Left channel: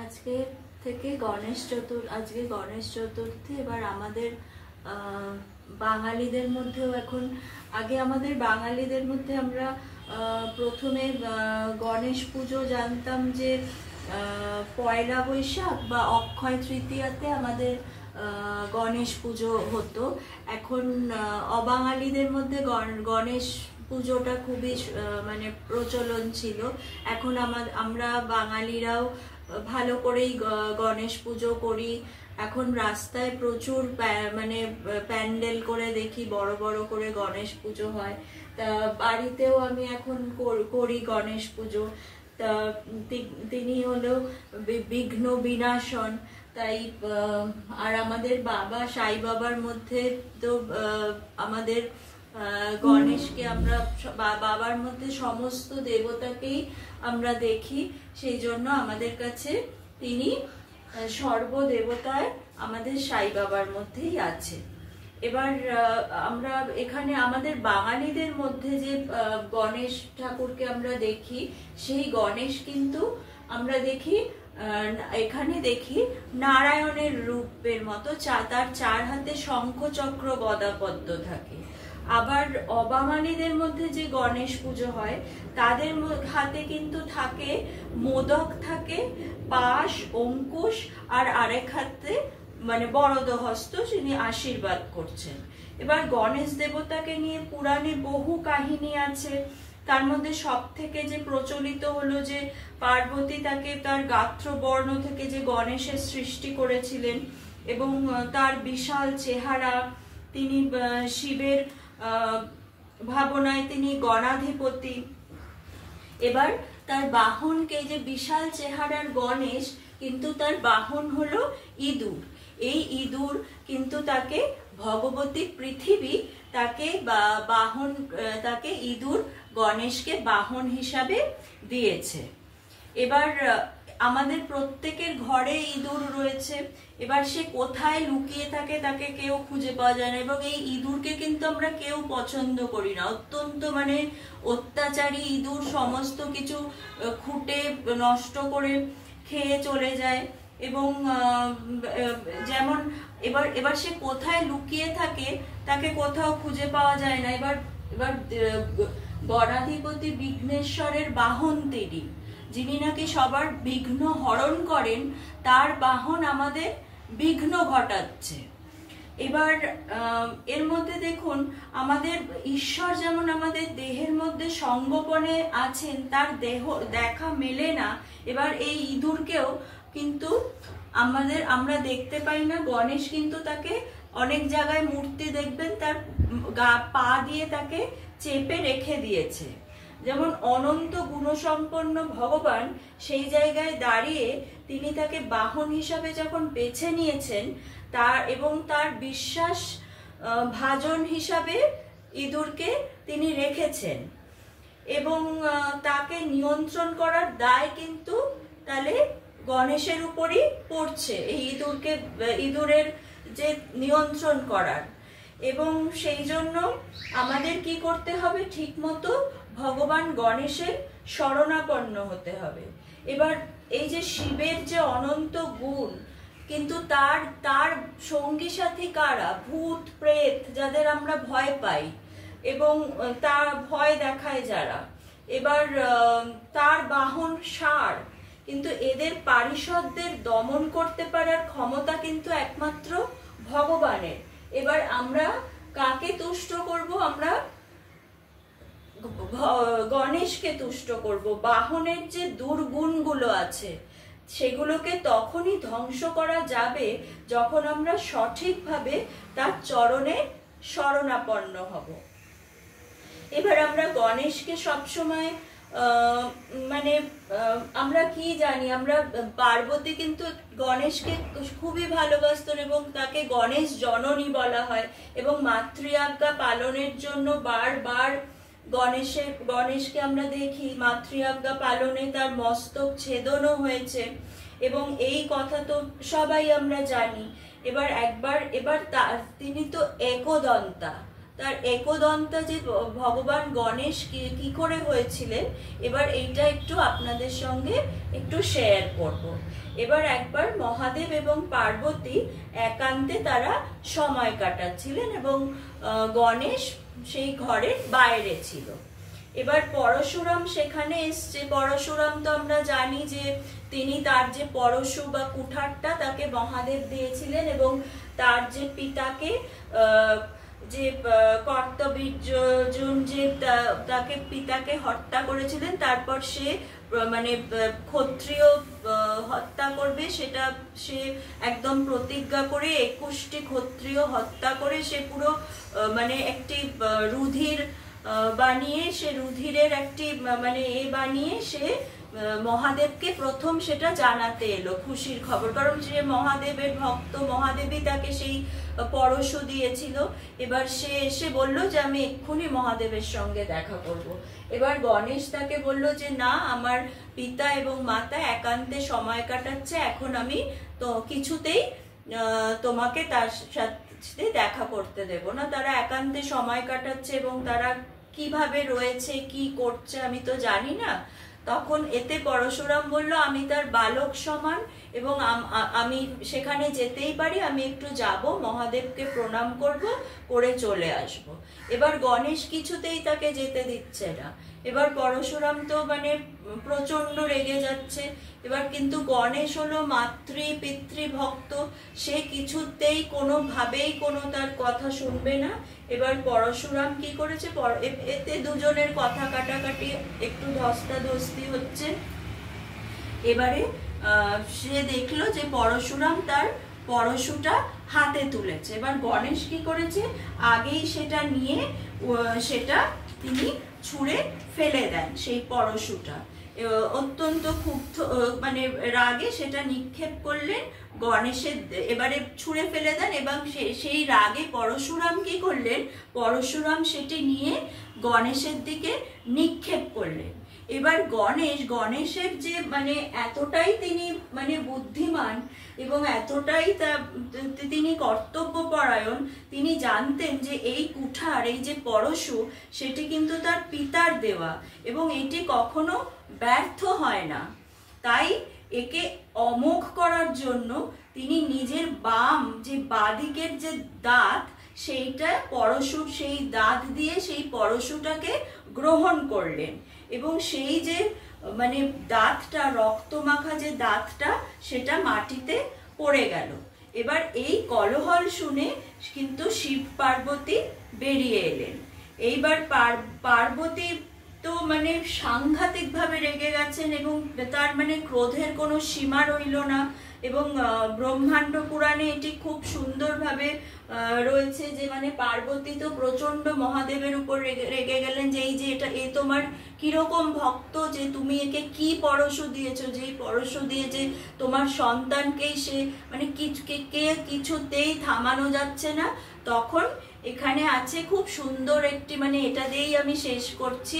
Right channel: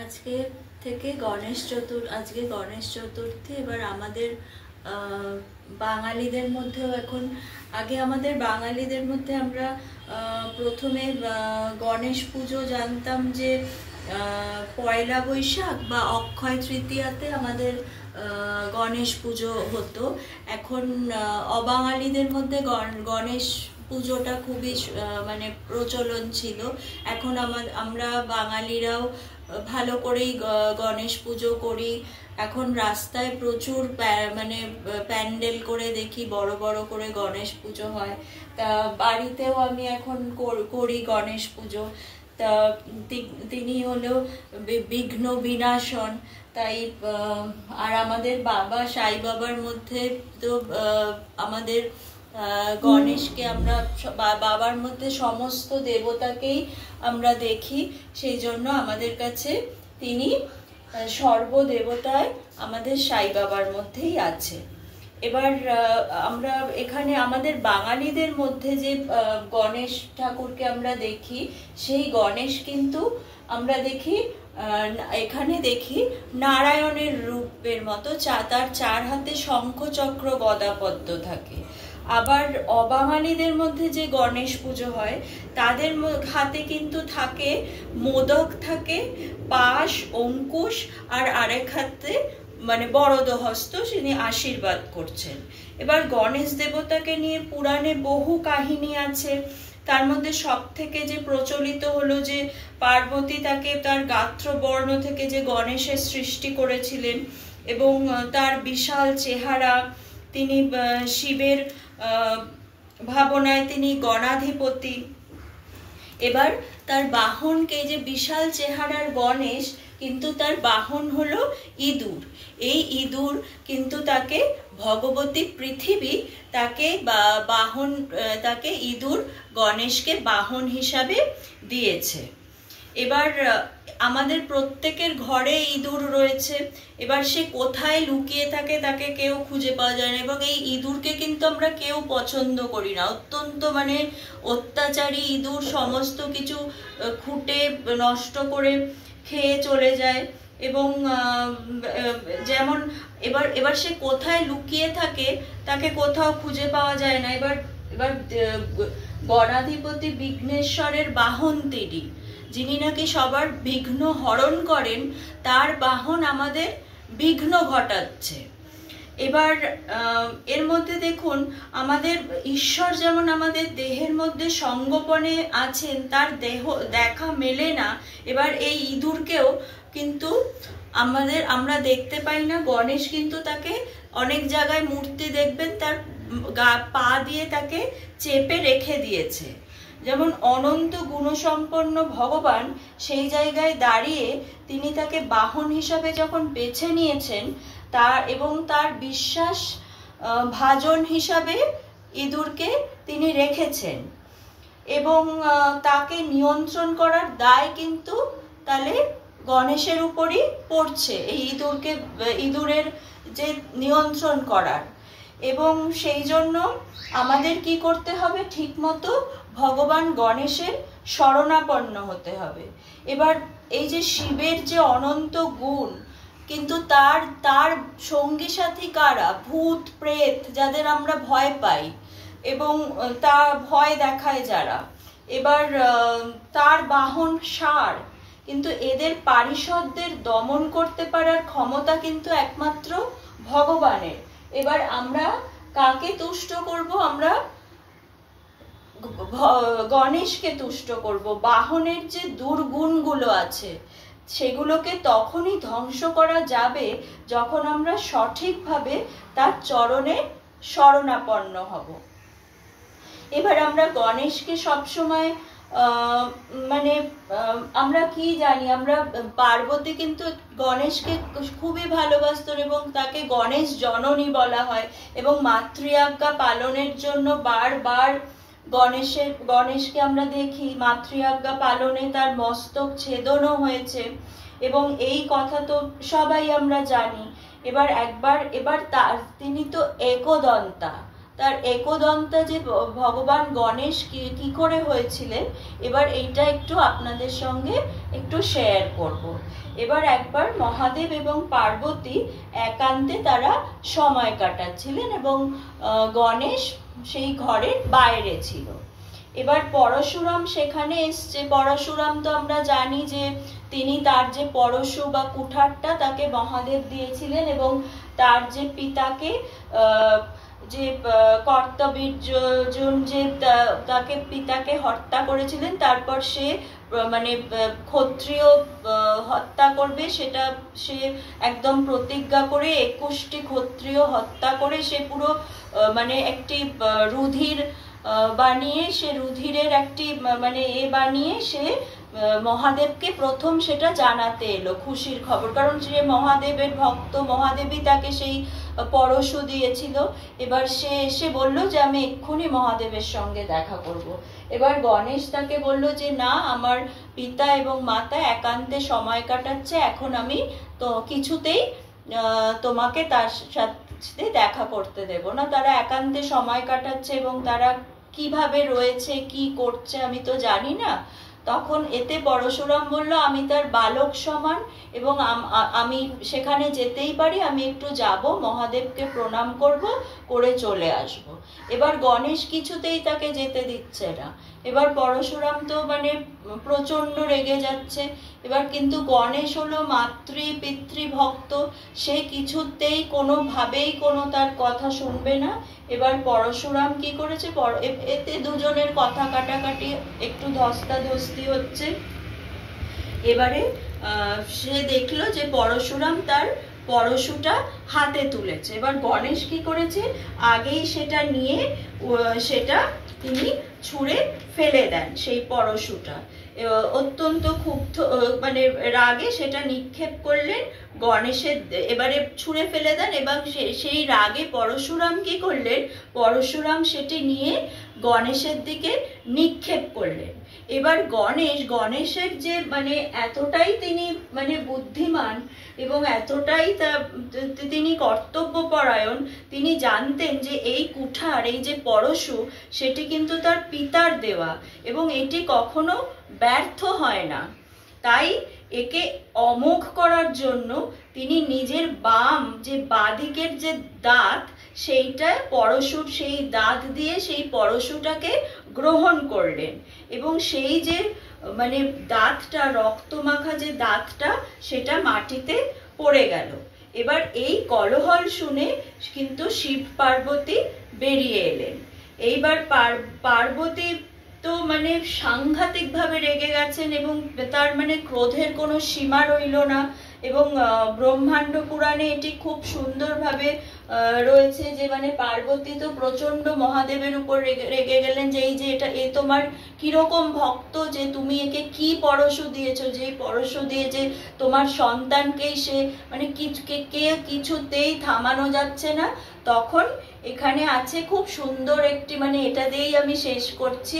আজকে থেকে আজকে গণেশ চতুর্থী। এবার আমাদের বাঙালিদের মধ্যেও এখন, আগে আমাদের বাঙালিদের মধ্যে আমরা প্রথমে গণেশ পুজো জানতাম যে পয়লা বৈশাখ বা অক্ষয় তৃতীয়াতে আমাদের গণেশ পুজো হতো। এখন অবাঙালিদের মধ্যে গণেশ পুজোটা খুবই মানে প্রচলন ছিল। এখন আমরা বাঙালিরাও ভালো করেই গণেশ পুজো করি। এখন রাস্তায় প্রচুর মানে প্যান্ডেল করে দেখি, বড় বড় করে গণেশ পুজো হয়। তা বাড়িতেও আমি এখন করি গণেশ পুজো। তা তিনি হলো বিঘ্ন বিনাশন। তাই আর আমাদের বাবা সাই বাবার মধ্যে তো আমাদের গণেশকে আমরা বাবার মধ্যে সমস্ত দেবতাকেই আমরা দেখি, সেই জন্য আমাদের কাছে তিনি সর্বদেবতায় আমাদের সাই বাবার মধ্যেই আছে। এবার আমরা এখানে আমাদের বাঙালিদের মধ্যে যে গণেশ ঠাকুরকে আমরা দেখি, সেই গণেশ কিন্তু আমরা দেখি এখানে দেখি নারায়ণের রূপের মতো, তার 4 হাতে শঙ্খ চক্র গদা পদ্ম থাকে। আবার অবাঙালিদের মধ্যে যে গণেশ পুজো হয়, তাদের হাতে কিন্তু থাকে মোদক থাকে, পাশ, অঙ্কুশ, আর আরেক হাতে মানে বরদ হস্ত, তিনি আশীর্বাদ করছেন। এবার গণেশ দেবতাকে নিয়ে পুরাণে বহু কাহিনী আছে। তার মধ্যে সব থেকে যে প্রচলিত হলো যে পার্বতী তাকে তার গাত্র বর্ণ থেকে যে গণেশের সৃষ্টি করেছিলেন, এবং তার বিশাল চেহারা, তিনি শিবের ভাবনায় তিনি গণাধিপতি। এবার তার বাহনকে, যে বিশাল চেহারার গণেশ, কিন্তু তার বাহন হলো ইঁদুর। এই ইঁদুর কিন্তু তাকে ভগবতী পৃথিবী তাকে বাহন, তাকে ইঁদুর গণেশকে বাহন হিসাবে দিয়েছে। এবার আমাদের প্রত্যেকের ঘরে ইঁদুর রয়েছে। এবার সে কোথায় লুকিয়ে থাকে তাকে কেউ খুঁজে পাওয়া যায় না, এবং এই ইঁদুরকে কিন্তু আমরা কেউ পছন্দ করি না। অত্যন্ত মানে অত্যাচারী ইঁদুর, সমস্ত কিছু খুঁটে নষ্ট করে খেয়ে চলে যায়। এবং যেমন এবার সে কোথায় লুকিয়ে থাকে তাকে কোথাও খুঁজে পাওয়া যায় না। এবার গণাধিপতি বিঘ্নেশ্বরের বাহন তিনি, যিনি নাকি সবার বিঘ্ন হরণ করেন, তার বাহন আমাদের বিঘ্ন ঘটাচ্ছে। এবার এর মধ্যে দেখুন, আমাদের ঈশ্বর যেমন আমাদের দেহের মধ্যে সঙ্গোপনে আছেন, তার দেহ দেখা মেলে না। এবার এই ইঁদুরকেও কিন্তু আমরা দেখতে পাই না। গণেশ কিন্তু তাকে অনেক জায়গায় মূর্তি দেখবেন তার পা দিয়ে তাকে চেপে রেখে দিয়েছে। যেমন অনন্ত গুণসম্পন্ন ভগবান, সেই জায়গায় দাঁড়িয়ে তিনি তাকে বাহন হিসাবে যখন বেছে নিয়েছেন, এবং তার বিশ্বাস ভাজন হিসাবে ইঁদুরকে তিনি রেখেছেন, এবং তাকে নিয়ন্ত্রণ করার দায় কিন্তু তাহলে গণেশের উপরই পড়ছে, এই ইঁদুরের যে নিয়ন্ত্রণ করার। এবং সেই জন্য আমাদের কি করতে হবে, ঠিক মতো ভগবান গণেশের শরণাপন্ন হতে হবে। এবার এই যে শিবের যে অনন্ত গুণ, কিন্তু তার সঙ্গী সাথী কারা? ভূত প্রেত, যাদের আমরা ভয় পাই এবং তা ভয় দেখায় যারা। এবার তার বাহন ষাঁড়, কিন্তু এদের পারিষদদের দমন করতে পারার ক্ষমতা কিন্তু একমাত্র ভগবানের। এবার আমরা কাকে তুষ্ট করব? আমরা গণেশকে তুষ্ট করব। বাহনের যে দুর্গুণগুলো আছে সেগুলোকে তখনই ধ্বংস করা যাবে যখন আমরা সঠিকভাবে তার চরণে শরণাপন্ন হব। এবার আমরা গণেশকে সবসময় মানে আমরা কি জানি, আমরা পার্বতী কিন্তু গণেশকে খুবই ভালোবাসতেন, এবং তাকে গণেশ জননী বলা হয়। এবং মাতৃআজ্ঞা পালনের জন্য বারবার গণেশকে আমরা দেখি মাতৃআজ্ঞা পালনে তার মস্তক ছেদনও হয়েছে, এবং এই কথা তো সবাই আমরা জানি। এবার তিনি তো একদন্তা, তার একদন্তা যে ভগবান গণেশ কি করে হয়েছিলেন, এবার এইটা একটু আপনাদের সঙ্গে একটু শেয়ার করব। এবার একবার মহাদেব এবং পার্বতী একান্তে তারা সময় কাটাচ্ছিলেন এবং গণেশ সেই ঘরের বাইরে ছিল। এবার পরশুরাম সেখানে এসছে। পরশুরাম তো আমরা জানি যে তিনি তার যে পরশু বা কুঠারটা তাকে মহাদেব দিয়েছিলেন এবং তার যে পিতাকে যে কর্তবীর্যজন যে তাকে পিতাকে হত্যা করেছিলেন, তারপর সে মানে ক্ষত্রিয় হত্যা করবে সেটা সে একদম প্রতিজ্ঞা করে 21টি ক্ষত্রিয় হত্যা করে সে পুরো মানে একটি রুধির বানিয়ে, সে রুধিরের একটি মানে বানিয়ে সে মহাদেবকে প্রথম সেটা জানাতে এলো, খুশির খবর। কারণ সে মহাদেবের ভক্ত, মহাদেবই তাকে সেই পরশু দিয়েছিল। এবার সে এসে বলল যে আমি এক্ষুনি মহাদেবের সঙ্গে দেখা করব। এবার গণেশ তাকে বলল যে না, আমার পিতা এবং মাতা একান্তে সময় কাটাচ্ছে, এখন আমি তো কিছুতেই তোমাকে তার সাথে দেখা করতে দেব না। তারা একান্তে সময় কাটাচ্ছে এবং তারা কিভাবে রয়েছে, কি করছে আমি তো জানি না। তখন এতে পরশুরাম বলল আমি তার বালক সমান এবং আমি সেখানে যেতেই পারি, আমি একটু যাব, মহাদেবকে প্রণাম করব, করে চলে আসব। এবার গণেশ কিছুতেই তাকে যেতে দিচ্ছে না। এবার পরশুরাম তো মানে প্রচন্ড রেগে যাচ্ছে। এবার কিন্তু গণেশ হলো পিতৃ ভক্ত, সে কিছুতেই কোনোভাবেই কোনো তার কথা শুনবে না। এবার পরশুরাম কি করেছে, এতে দুজনের কথা কাটাকাটি একটু ধস্তাধস্তি হচ্ছে। এবারে সে দেখলো যে পরশুরাম তার পরশুটা হাতে তুলেছে। এবার গণেশ কি করেছে, আগেই সেটা নিয়ে সেটা তিনি ছুঁড়ে ফেলে দেন সেই পরশুটা। অত্যন্ত ক্ষুব্ধ মানে রাগে সেটা নিক্ষেপ করলেন গণেশের, এবারে ছুঁড়ে ফেলে দেন এবং সেই রাগে পরশুরাম কি করলেন, পরশুরাম সেটি নিয়ে গণেশের দিকে নিক্ষেপ করলেন। এবার গণেশের যে মানে এতটাই তিনি মানে বুদ্ধিমান এবং এতটাই তিনি কর্তব্যপরায়ণ, তিনি জানতেন যে এই কুঠার, এই যে পরশু, সেটি কিন্তু তার পিতার দেওয়া এবং এটি কখনো ব্যর্থ হয় না। তাই একে অমোঘ করার জন্য তিনি নিজের বাদিকের যে দাঁত, সেইটা পরশুর সেই দাঁত দিয়ে সেই পরশুটাকে গ্রহণ করলেন এবং সেই যে মানে দাঁতটা, রক্তমাখা যে দাঁতটা, সেটা মাটিতে পড়ে গেল। এবার এই কলহল শুনে কিন্তু শিব পার্বতী বেরিয়ে এলেন। এইবার পার্বতী তো মানে সাংঘাতিকভাবে রেগে গেছেন এবং তার মানে ক্রোধের কোনো সীমা রইল না। এবং ব্রহ্মাণ্ড পুরাণে এটি খুব সুন্দরভাবে রয়েছে যে মানে পার্বতী তো প্রচন্ড মহাদেবের উপর রেগে গেলেন যে এই যে এ তোমার কিরকম ভক্ত, যে তুমি একে কি পরশু দিয়েছো, যে পরশু দিয়ে যে তোমার সন্তানকেই সে মানে কিছুতেই থামানো যাচ্ছে না। তখন এখানে আছে খুব সুন্দর একটি মানে এটা দিয়েই আমি শেষ করছি।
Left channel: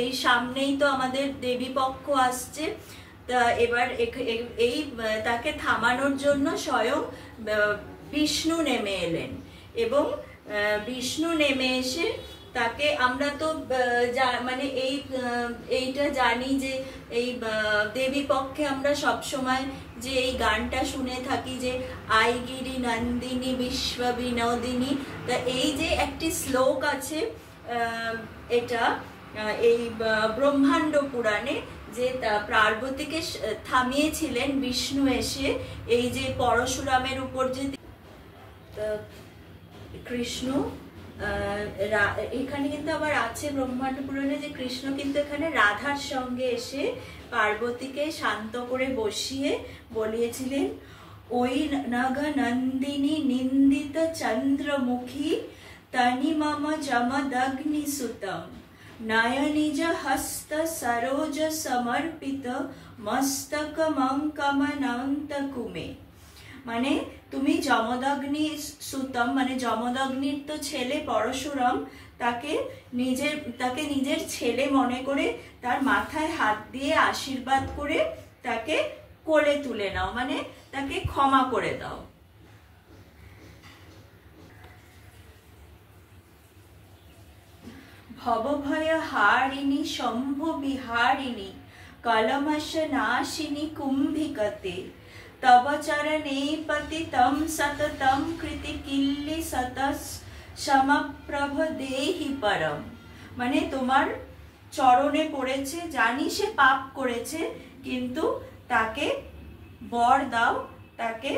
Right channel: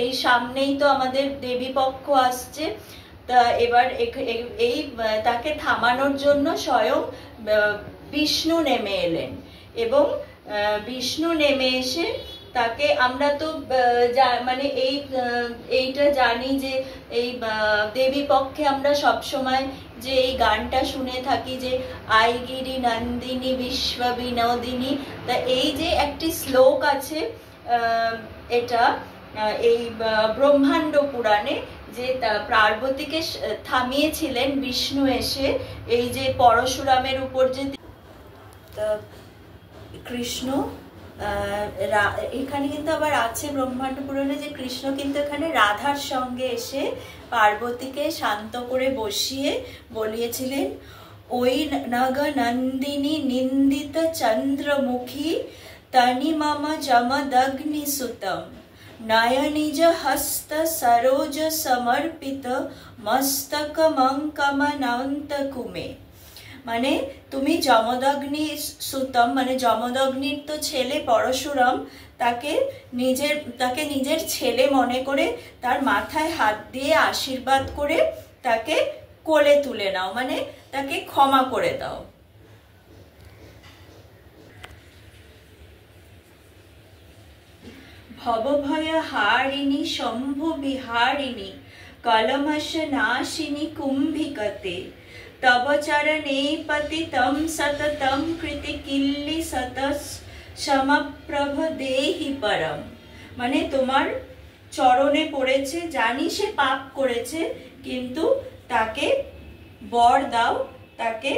এই সামনেই তো আমাদের দেবী পক্ষ আসছে, তা এবার এই তাকে থামানোর জন্য স্বয়ং বিষ্ণু নেমে এলেন এবং বিষ্ণু নেমে এসে তাকে, আমরা তো মানে এইটা জানি যে এই দেবী পক্ষে আমরা সবসময় যে এই গানটা শুনে থাকি যে আইগিরি নন্দিনী বিশ্ব বিনোদিনী। তা এই যে একটি শ্লোক আছে, এটা এই ব্রহ্মাণ্ড পুরাণে, যে পার্বতীকে থামিয়েছিলেন বিষ্ণু এসে এই যে পরশুরামের উপর যে কৃষ্ণ, এখানে কিন্তু আবার আছে ব্রহ্মাণ্ড পুরাণে যে কৃষ্ণ কিন্তু এখানে রাধার সঙ্গে এসে পার্বতীকে শান্ত করে বসিয়ে বলিয়েছিলেন, ওই নগ নন্দিনী নিন্দিত চন্দ্রমুখী তনি মম জমদগ্নি সুতম নয়নিজ হস্ত সরোজ সমর্পিত মস্তক মঙ্কমনন্ত কুমে। মানে তুমি যমদগ্নি সুতম, মানে যমদগ্নির তো ছেলে পরশুরাম, তাকে নিজের ছেলে মনে করে তার মাথায় হাত দিয়ে আশীর্বাদ করে তাকে কোলে তুলে নাও, মানে তাকে ক্ষমা করে দাও। ভবভয়হারিণী শম্ভু বিহারিণী কলমশনাশিনী কুম্ভিকতে তব চরণে পতিতম সততম কৃতি কিল্লি সতস সমপ্রভ দেহি পরম। মানে তোমার চরণে পড়েছে, জানি সে পাপ করেছে, কিন্তু তাকে বর দাও, তাকে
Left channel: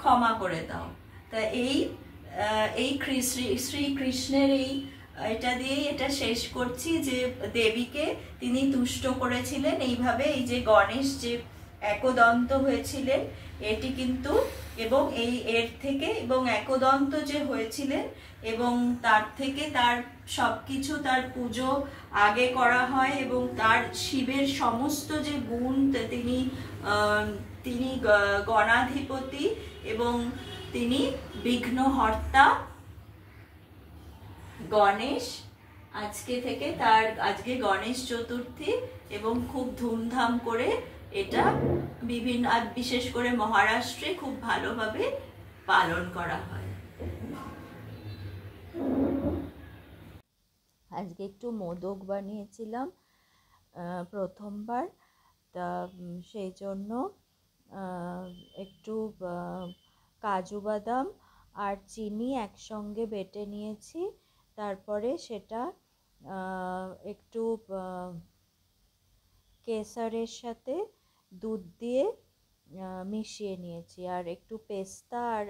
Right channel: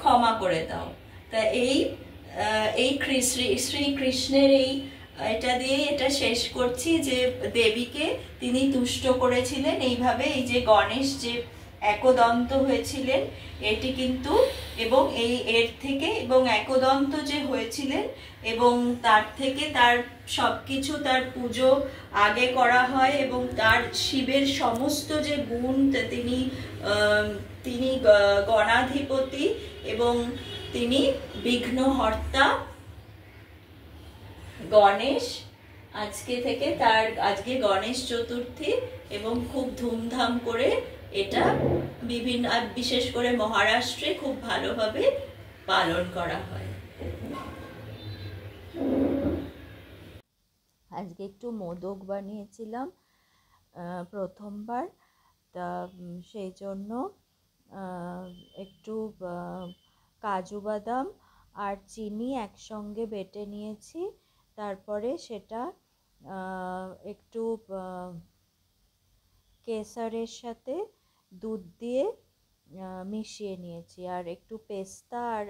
ক্ষমা করে দাও। তা এই শ্রীকৃষ্ণের এটা দিয়ে এটা শেষ করছি যে দেবীকে তিনি তুষ্ট করেছিলেন এইভাবে। এই যে গণেশ যে একদন্ত হয়েছিলেন এটি কিন্তু, এবং এর থেকে এবং একদন্ত যে হয়েছিলেন এবং তার থেকে তার সবকিছু, তার পুজো আগে করা হয় এবং তার শিবের সমস্ত যে গুণ, তিনি গণাধিপতি এবং তিনি বিঘ্নহর্তা গণেশ। আজকে গণেশ চতুর্থী এবং খুব ধুমধাম করে এটা বিশেষ করে মহারাষ্ট্রে খুব ভালোভাবে পালন করা হয়। আজকে একটু মোদক বানিয়েছিলাম প্রথমবার, তা সেই জন্য একটু কাজু বাদাম আর চিনি একসঙ্গে বেটে নিয়েছি। তারপরে সেটা একটু কেসারের সাথে দুধ দিয়ে মিশিয়ে নিয়েছি, আর একটু পেস্তা আর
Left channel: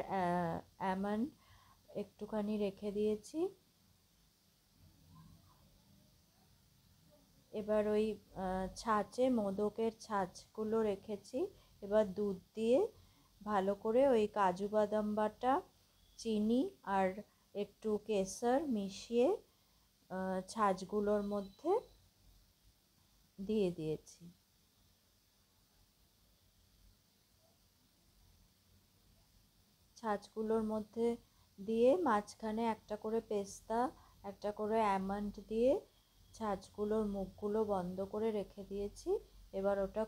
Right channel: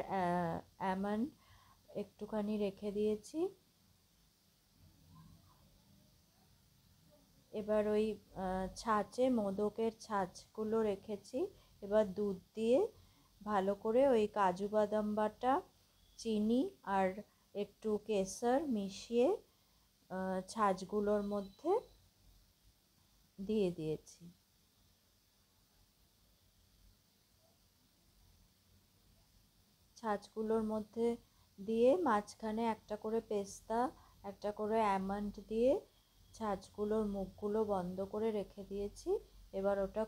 আমন্ড একটুখানি রেখে দিয়েছি। এবার ওই ছাঁচে মোদকের ছাঁচগুলো রেখেছি, এবার দুধ দিয়ে ভালো করে ওই কাজু বাদাম বাটা, চিনি আর একটু কেসার মিশিয়ে ছাঁচগুলোর মধ্যে দিয়ে দিয়েছি। ছাঁচগুলোর মধ্যে দিয়ে মাঝখানে একটা করে পেস্তা, একটা করে আমন্ড দিয়ে ছাঁচগুলোর মুখগুলো বন্ধ করে রেখে দিয়েছি। এবার ওটা